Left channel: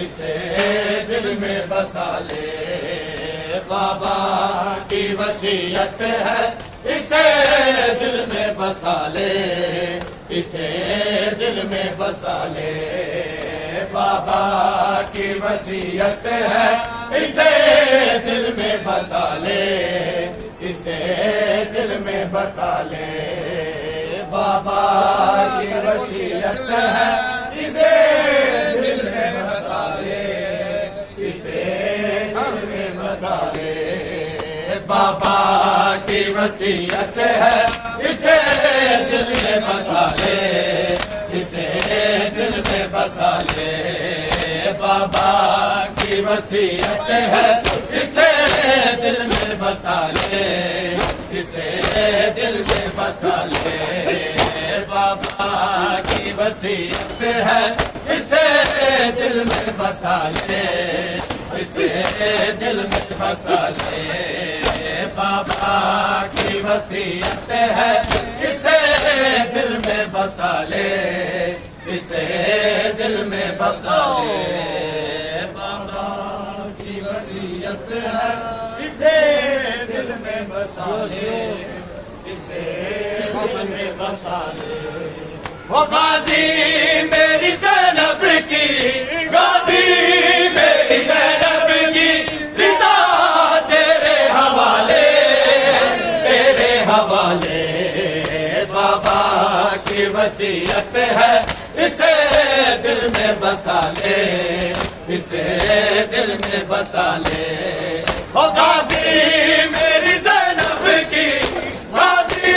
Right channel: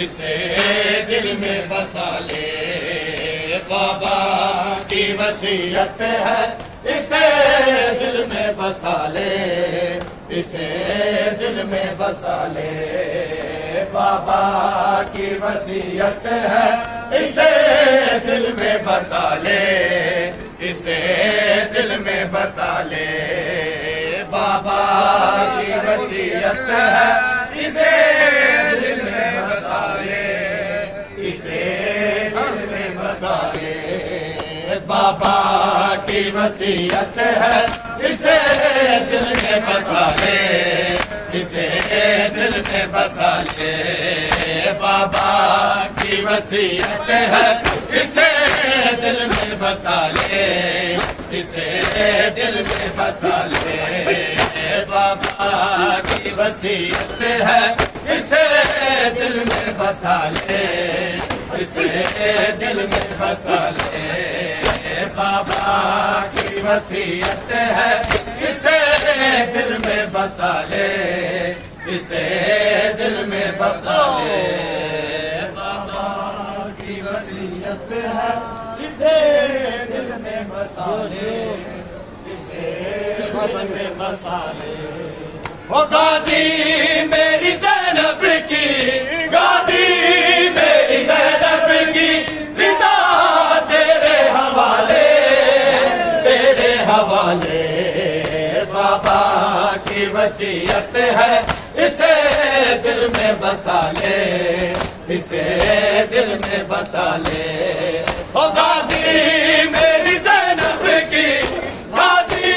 इसे दिल में बसा ले, बाबा की वसीयत है, इसे दिल में बसा ले, इसे दिल में बसा ले, बाबा की वसीयत है, इसे दिल में बसा ले, इसे दिल में बसा ले, बाबा की वसीयत है, इसे दिल में बसा ले, इसे दिल में बसा ले, बाबा की वसीयत है, इसे दिल में बसा ले, इसे दिल में बसा ले, बाबा की वसीयत है, इसे दिल में बसा ले, इसे दिल में बसा ले, बाबा की वसीयत है, इसे दिल में बसा ले, इसे दिल में बसा ले, बाबा की वसीयत है, इसे दिल में बसा ले, इसे दिल में बसा ले, बाबा की वसीयत है, इसे दिल में बसा ले, इसे दिल में बसा ले। ओ गाजी मेरी ज़ैनब की, गाजी मेरी ज़ैनब की, रिदा तेरे हवाले, तेरे हवाले, बाबा की वसीयत है, इसे दिल में बसा ले, इसे दिल में बसा ले। ओ गाजी मेरी ज़ैनब की, गाजी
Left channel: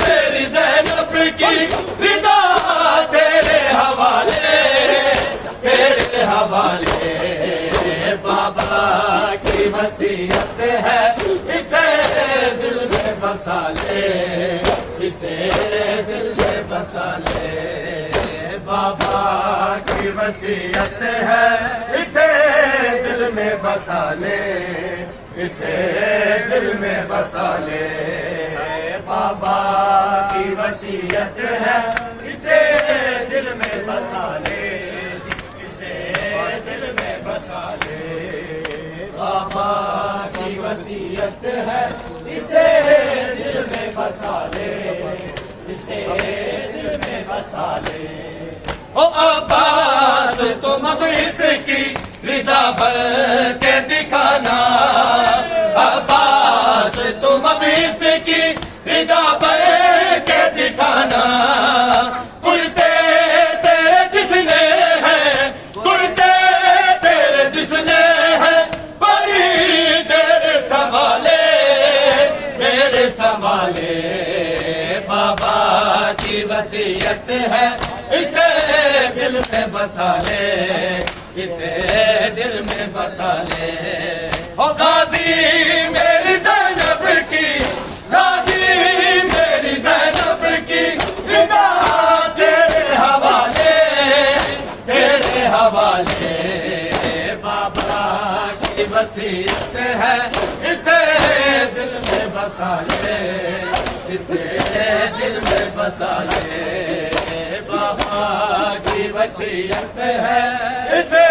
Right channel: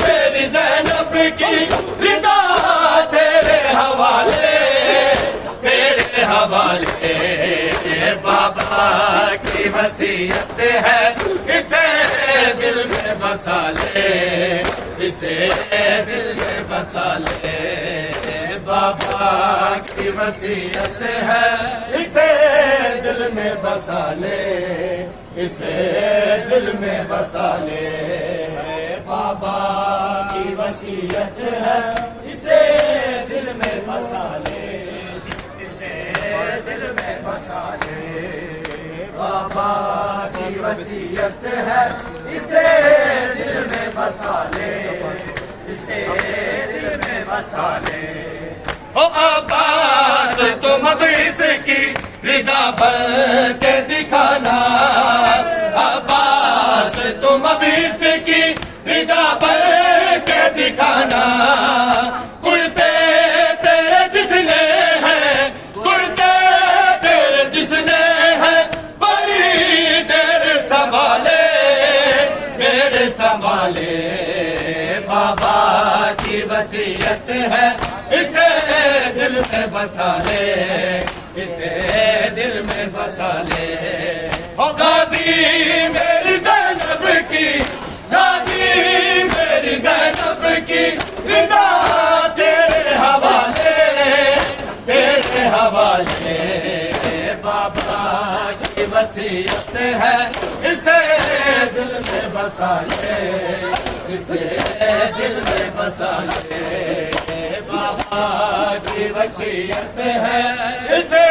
मेरी ज़ैनब की, रिदा तेरे हवाले, तेरे हवाले, बाबा की वसीयत है, इसे दिल में बसा ले, इसे दिल में बसा ले, बाबा की वसीयत है, इसे दिल में बसा ले, इसे दिल में बसा ले, बाबा की वसीयत है, इसे दिल में बसा ले, इसे दिल में बसा ले, बाबा की वसीयत है, इसे दिल में बसा ले, इसे दिल में बसा ले। ओ अब्बास तुम अब इसकी रिदा भर के दिखाना, अब्बास तुम अब इसकी रिदा भर के दिखाना, कुर्ते तेरे जिसने है, की वसीयत है, इसे दिल में बसा ले, इसे दिल में बसा ले। ओ गाजी मेरी ज़ैनब की, गाजी मेरी ज़ैनब की, रिदा तेरे हवाले, तेरे हवाले। बाबा की वसीयत है, इसे दिल में बसा ले, इसे दिल में बसा ले। बाबा की वसीयत है, इसे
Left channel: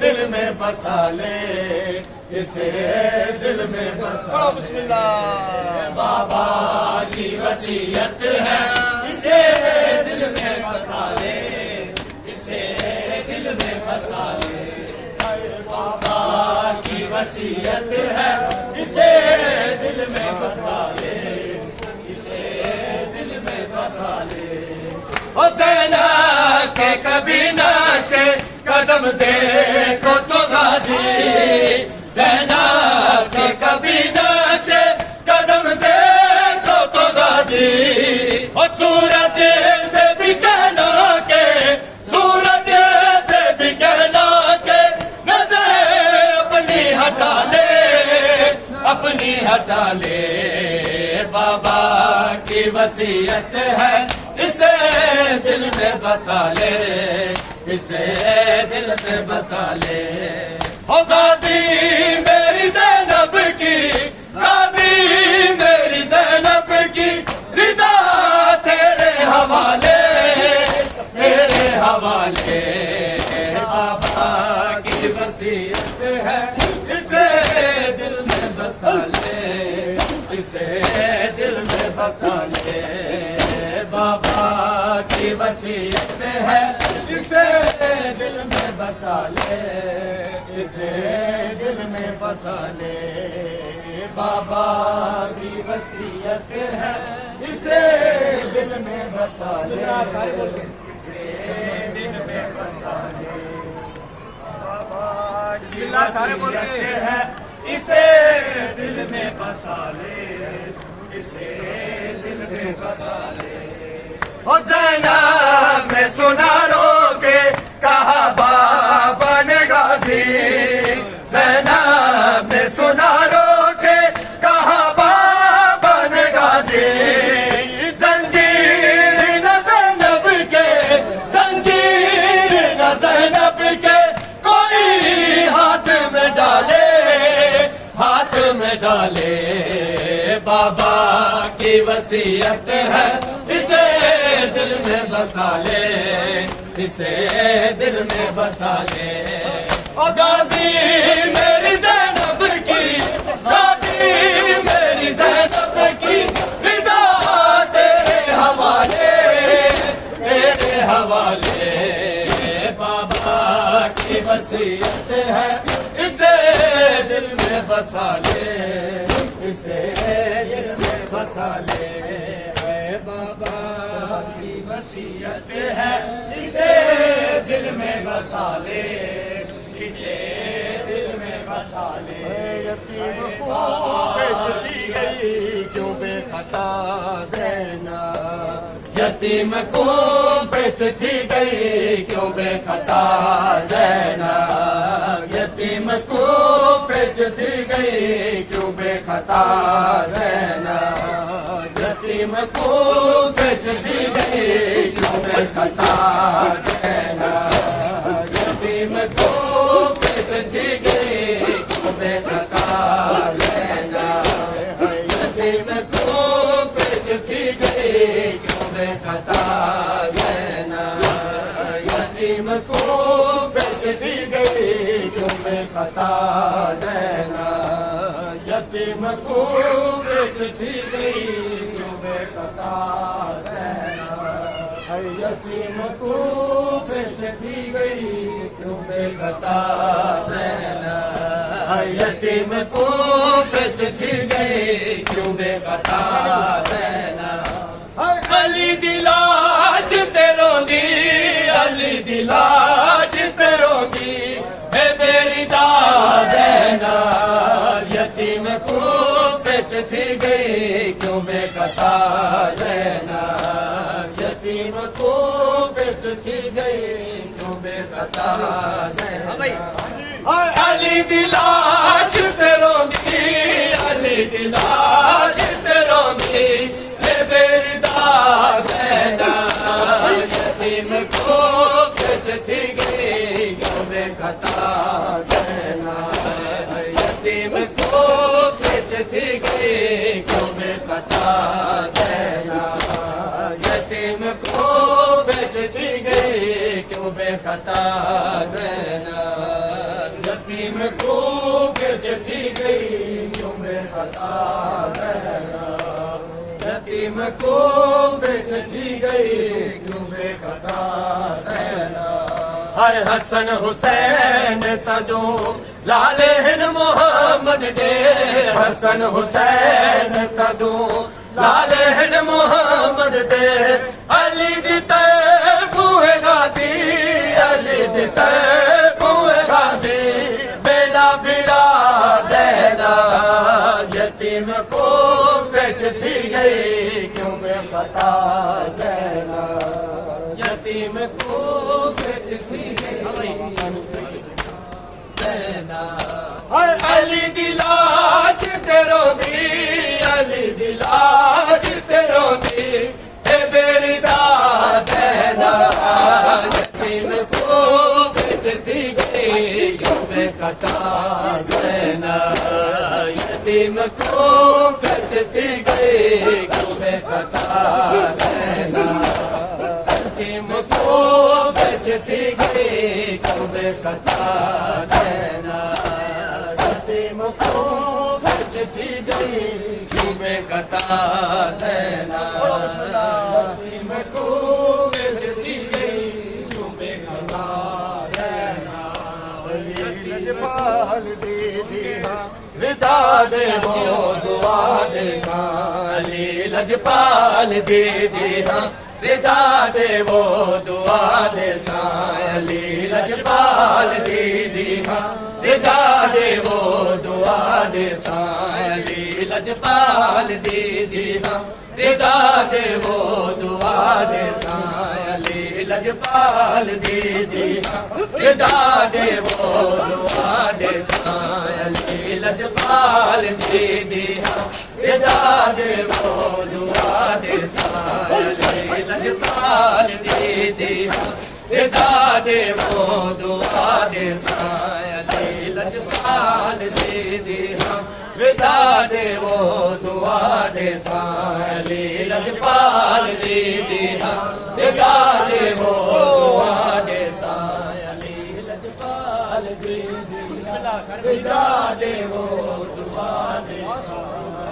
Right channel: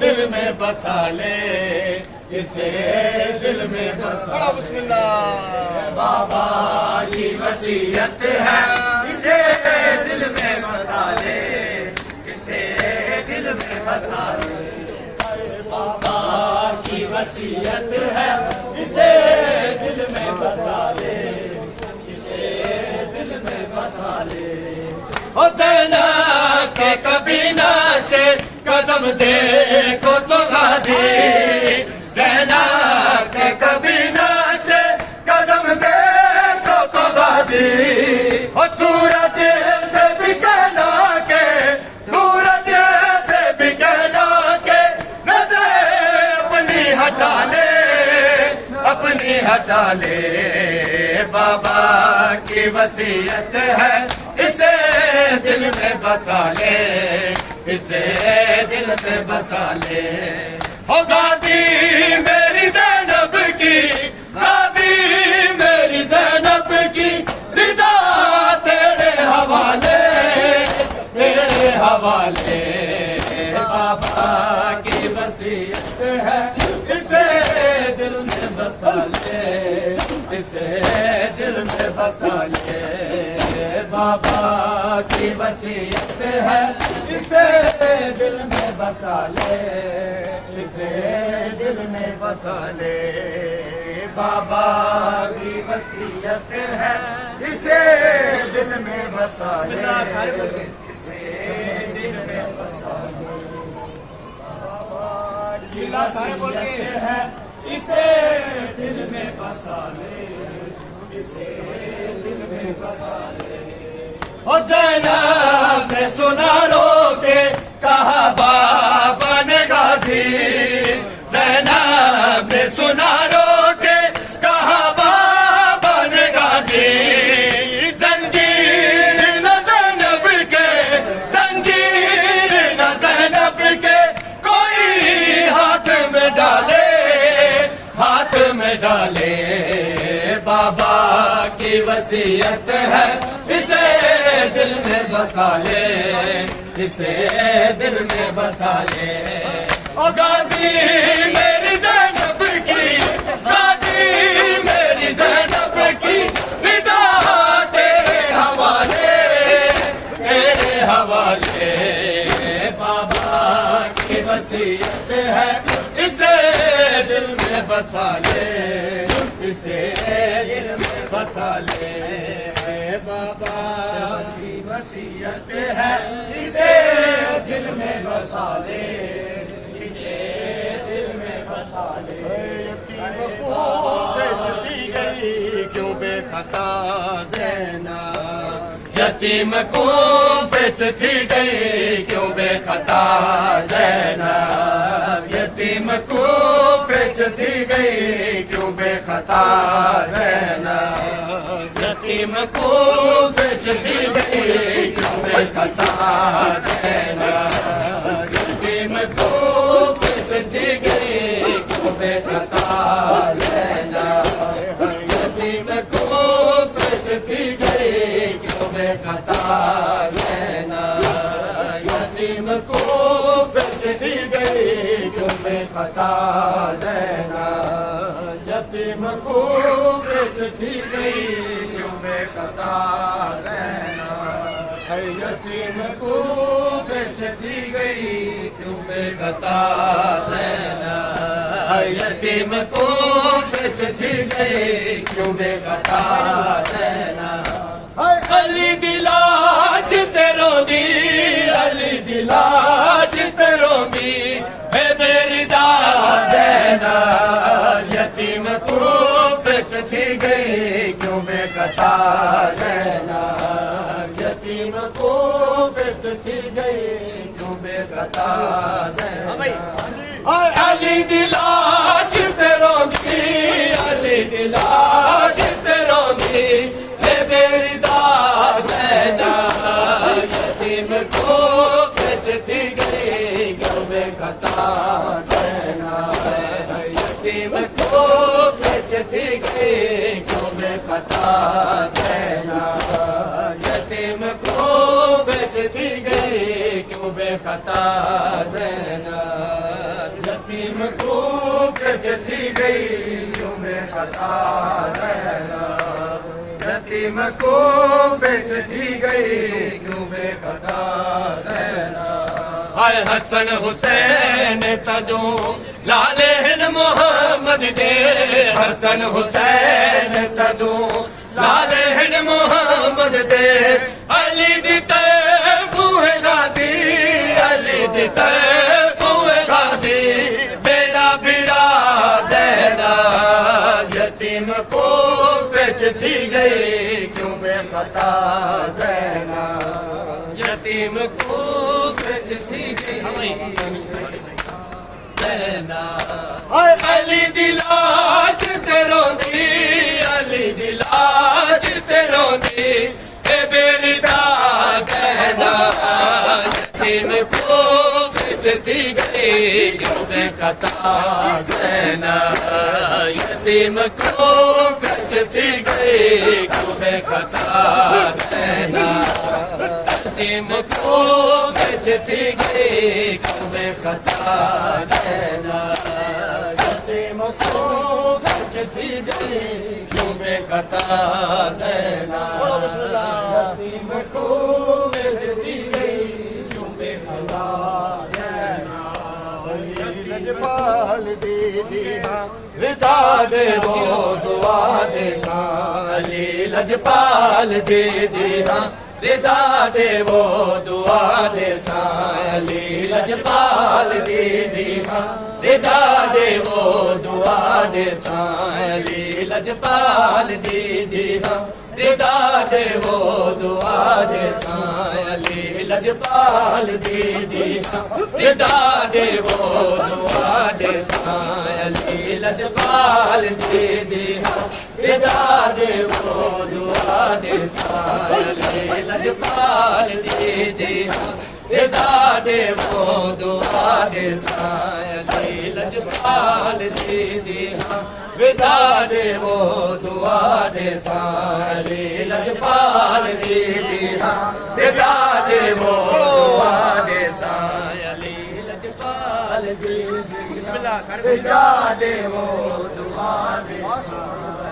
दिल में बसा ले, इसे दिल में बसा ले। बाबा की वसीयत है, इसे दिल में बसा ले, इसे दिल में बसा ले। बाबा की वसीयत है, इसे दिल में बसा ले, इसे दिल में बसा ले। ओ ज़ैनब के कभी नाचे कदम देखो तो गाजी, ज़ैनब के कभी नाचे कदम देखो तो गाजी। और सूरज से भी कहना के, सूरज से भी कहना के, नजर अपनी हटा ले, अपनी हटा ले। बाबा की वसीयत है, इसे दिल में बसा ले, इसे दिल में बसा ले। हो गाजी मेरी ज़ैनब की, गाजी मेरी ज़ैनब की, रिदा तेरे हवाले, तेरे हवाले। बाबा की वसीयत है, इसे दिल में बसा ले, इसे दिल में बसा ले। बाबा की वसीयत है, इसे दिल में बसा ले, इसे दिल में बसा ले। बाबा की वसीयत है, इसे दिल में बसा ले, इसे दिल में बसा ले। बाबा की वसीयत है, इसे दिल में बसा ले, इसे दिल में बसा ले। ओ ज़ैनब में सुना लो के कहा बाबा ने गाजी, ज़ैनब में सुना लो के कहा बाबा ने गाजी। जंजीर न ज़ैनब के, जंजीर न ज़ैनब के, कोई हाथ में डाले, हाथ में डाले। बाबा की वसीयत है, इसे दिल में बसा ले, इसे दिल में बसा ले। ओ गाजी मेरी ज़ैनब की, गाजी मेरी ज़ैनब की, रिदा तेरे हवाले, तेरे हवाले। बाबा की वसीयत है, इसे दिल में बसा ले, इसे दिल में बसा ले। बाबा की वसीयत है, इसे दिल में बसा ले, इसे दिल में बसा ले। यतीम को बेचती गई क्यों बेखता ज़ैनब, यतीम को बेचती गई क्यों बेखता ज़ैनब, यतीम को बेचती गई क्यों बेखता ज़ैनब, यतीम को बेचती गई क्यों बेखता ज़ैनब, यतीम को बेचती गई क्यों बेखता ज़ैनब, यतीम को बेचती गई क्यों बेखता ज़ैनब, यतीम को बेचती गई क्यों बेखता ज़ैनब, यतीम को बेचती गई क्यों बेखता ज़ैनब, यतीम को बेचती गई क्यों बेखता ज़ैनब, यतीम को बेचती गई क्यों बेखता ज़ैनब। अली दिलाश तेरों दी, अली दिलाश तेरों दी, मेरी ज़ैनब, यतीम को बेचती गई क्यों बेखता ज़ैनब, थी गई क्यों बेखता अली दी लाश ते रोंदी अली दी लाश ते रोंदी हे बेरदा ज़ैना यतीम को खिच थी गई क्यों बेखता ज़ैना यतीम को खिच थी गई क्यों बेखता ज़ैना यतीम को खिच थी गई क्यों बेखता ज़ैना यतीम को खिच थी गई क्यों बेखता ज़ैना यतीम को खिच थी गई क्यों बेखता ज़ैना हर हसन हुसैन तदू लाले हिन मोहम्मद दे हसन हुसैन तदू लाले हिन मोहम्मद दे अली दी तरफ हुए गाजी अली दी तरफ हुए गाजी बेड़ा बिरा ज़ैना यतीम को खिच थी गई क्यों बेखता ज़ैना यतीम को खिच थी गई ज़ैना अली दी लाश ते रोंदी अली दी लाश ते रोंदी ए बेरदा ज़ैना यतीम को खिच थी गई क्यों बेखता ज़ैना यतीम को खिच थी गई क्यों बेखता ज़ैना यतीम को खिच थी गई क्यों बेखता ज़ैना यतीम को खिच थी गई क्यों बेखता ज़ैना यतीम को खिच थी गई क्यों बेखता ज़ैना यतीम पाल दे विदा दे वो दुआ दे अली लजपाल दे विदा दे वो दुआ दे अली लजपाल दे विदा दे वो दुआ दे अली लजपाल दे विदा दे वो दुआ दे अली लजपाल दे विदा दे वो दुआ दे अली लजपाल दे विदा दे वो दुआ दे अली लजपाल दे विदा दे वो दुआ दे अली लजपाल दे विदा दे वो दुआ दे अली लजपाल दे विदा दे वो दुआ दे अली लजपाल दे विदा दे वो दुआ दे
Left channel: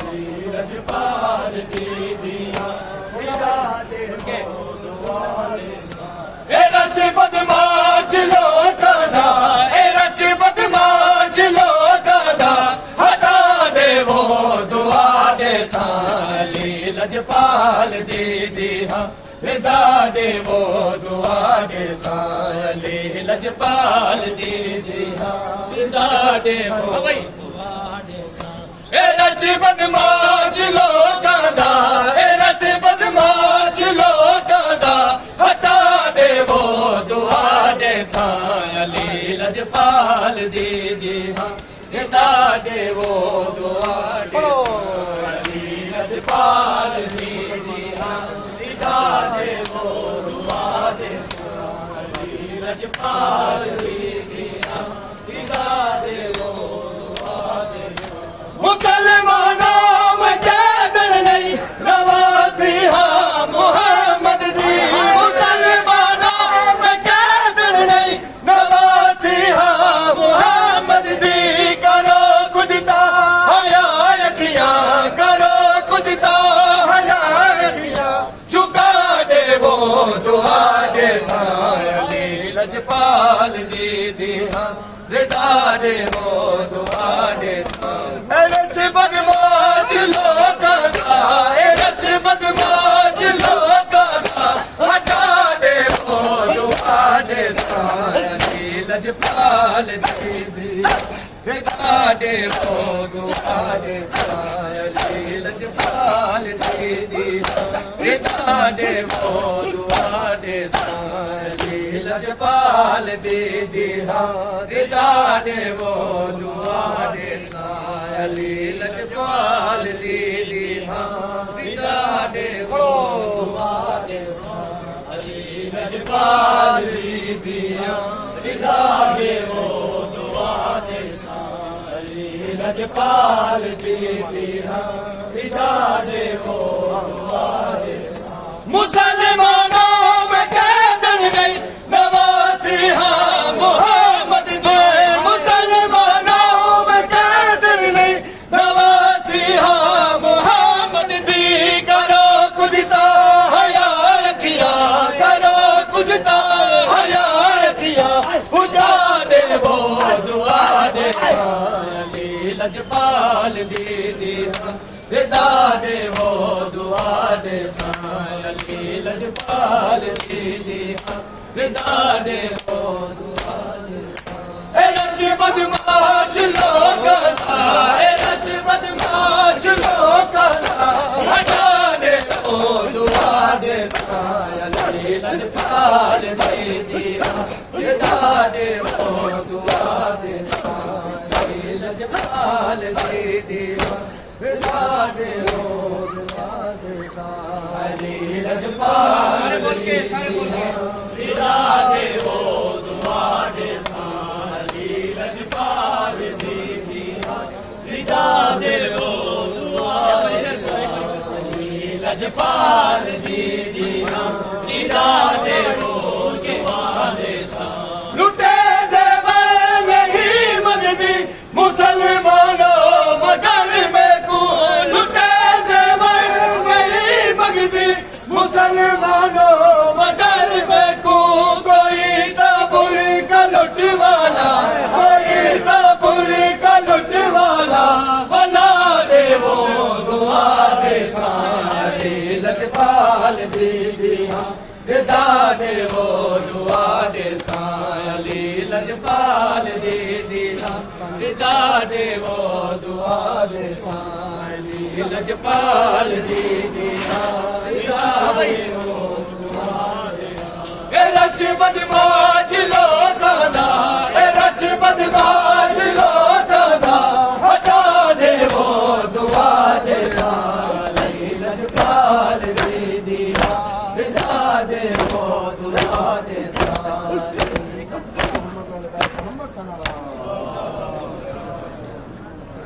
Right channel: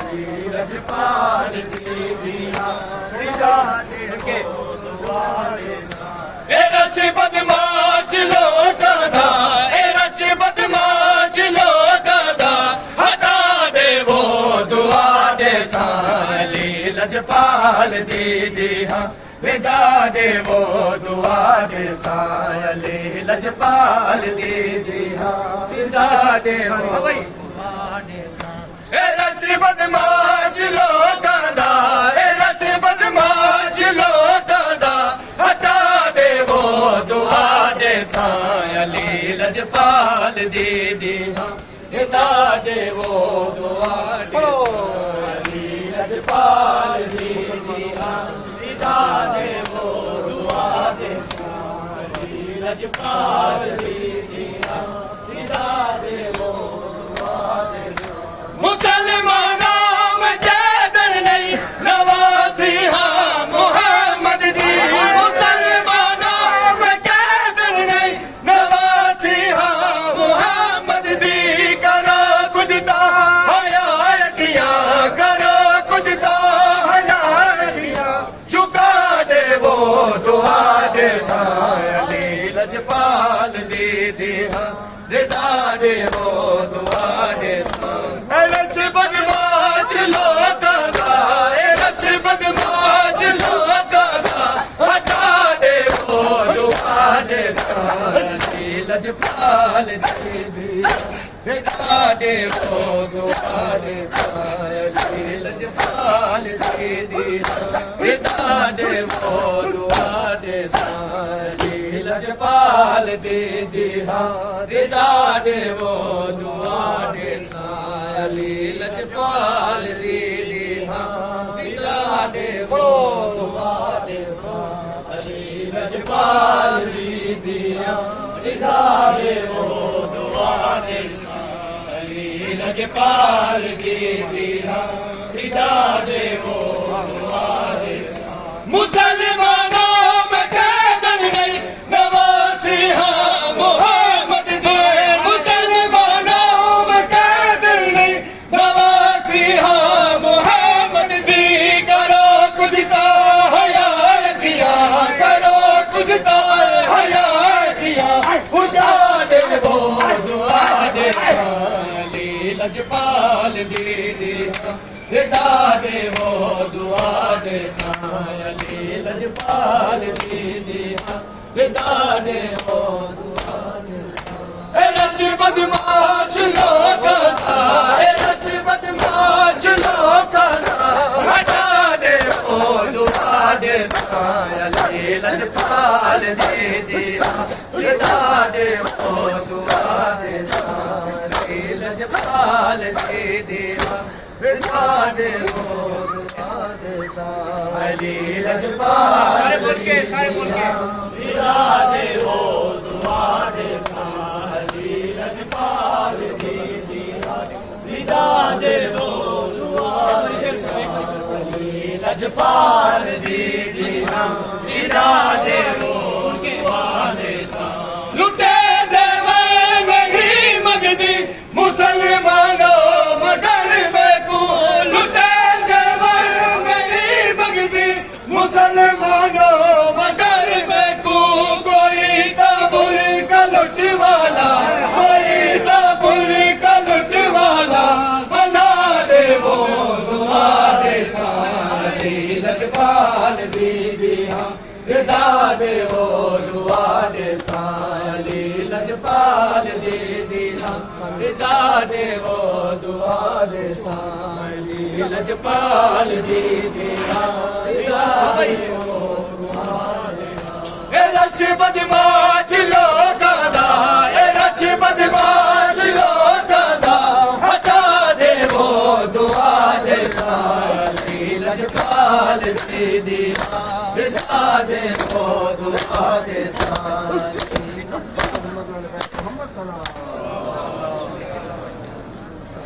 अली लजपाल दे विदा दे वो दुआ दे ए रच बदमाश लोगा दा ए रच बदमाश लोगा दा हटा दे वो दुआ दे अली लजपाल दे विदा दे वो दुआ दे अली लजपाल दे विदा दे वो ए रच बदमाश लोगा दा ए रच बदमाश लोगा दा हटा दे वो दुआ दे अली लजपाल दे विदा दे वो दुआ दे अली लजपाल दे विदा दे वो दुआ दे अली लजपाल दे विदा दे वो दुआ दे मुसलमानों में कैदर नहीं नवाज़ी हाँ मोहम्मद दी मुसलमानों में कैदर नहीं नवाज़ी हाँ मोहम्मद दी करो कुछ दा हया यकिया करो कुछ दा हया यकिया झुका दे वो दुआ दे अली लजपाल दे हाँ विदा दे वो दुआ दे रच बदमाश लोगा दा रच बदमाश लोगा दा हटा दे वो दुआ दे अली लजपाल दे विदा दे वो दुआ दे अली लजपाल दे विदा दे वो दुआ दे लजपाल दे दिया रिदा दे वो दुआ दे साली लजपाल दे दिया रिदा दे वो दुआ दे साली लजपाल दे दिया रिदा दे वो दुआ दे साली लजपाल दे दिया रिदा दे वो दुआ दे मुसलमानों में कैदन नहीं नवासी हाँ मोहम्मद दे मुसलमानों में कैदन नहीं नवासी हाँ मोहम्मद दी करो कुछ ता हया किया करो कुछ ता हया किया उठा दे वो दुआ दे साली लजपाल दे दिया रिदा दे वो दुआ दे साली लजपाल दे दिया रिदा दे वो दुआ दे रच बदमाश लोग था रच बदमाश लोग था हटा दे वो दुआ दे साली लजपाल दे दिया रिदा दे वो दुआ दे साली लजपाल दे दिया रिदा दे वो दुआ दे साली लजपाल दे दिया रिदा दे वो दुआ दे साली लजपाल दे दिया रिदा दे वो दुआ दे साली लजपाल दे दिया रिदा दे वो दुआ दे साली लुटे ज़ेवर नहीं मंगदी मुसलमानों मगर में को लुटे ज़ेवर नहीं मंगदी मुसलमानों मगर में को कोई ताबुल का लुट वाला कोई ताबुल का लुट वाला बना दे वो दुआ दे साली लजपाल दे दिया रिदा दे वो दुआ दे साली लजपाल दे दिया रिदा दे वो दुआ दे साली लजपाल दे दिया रिदा दे वो दुआ दे साली रच बदमाश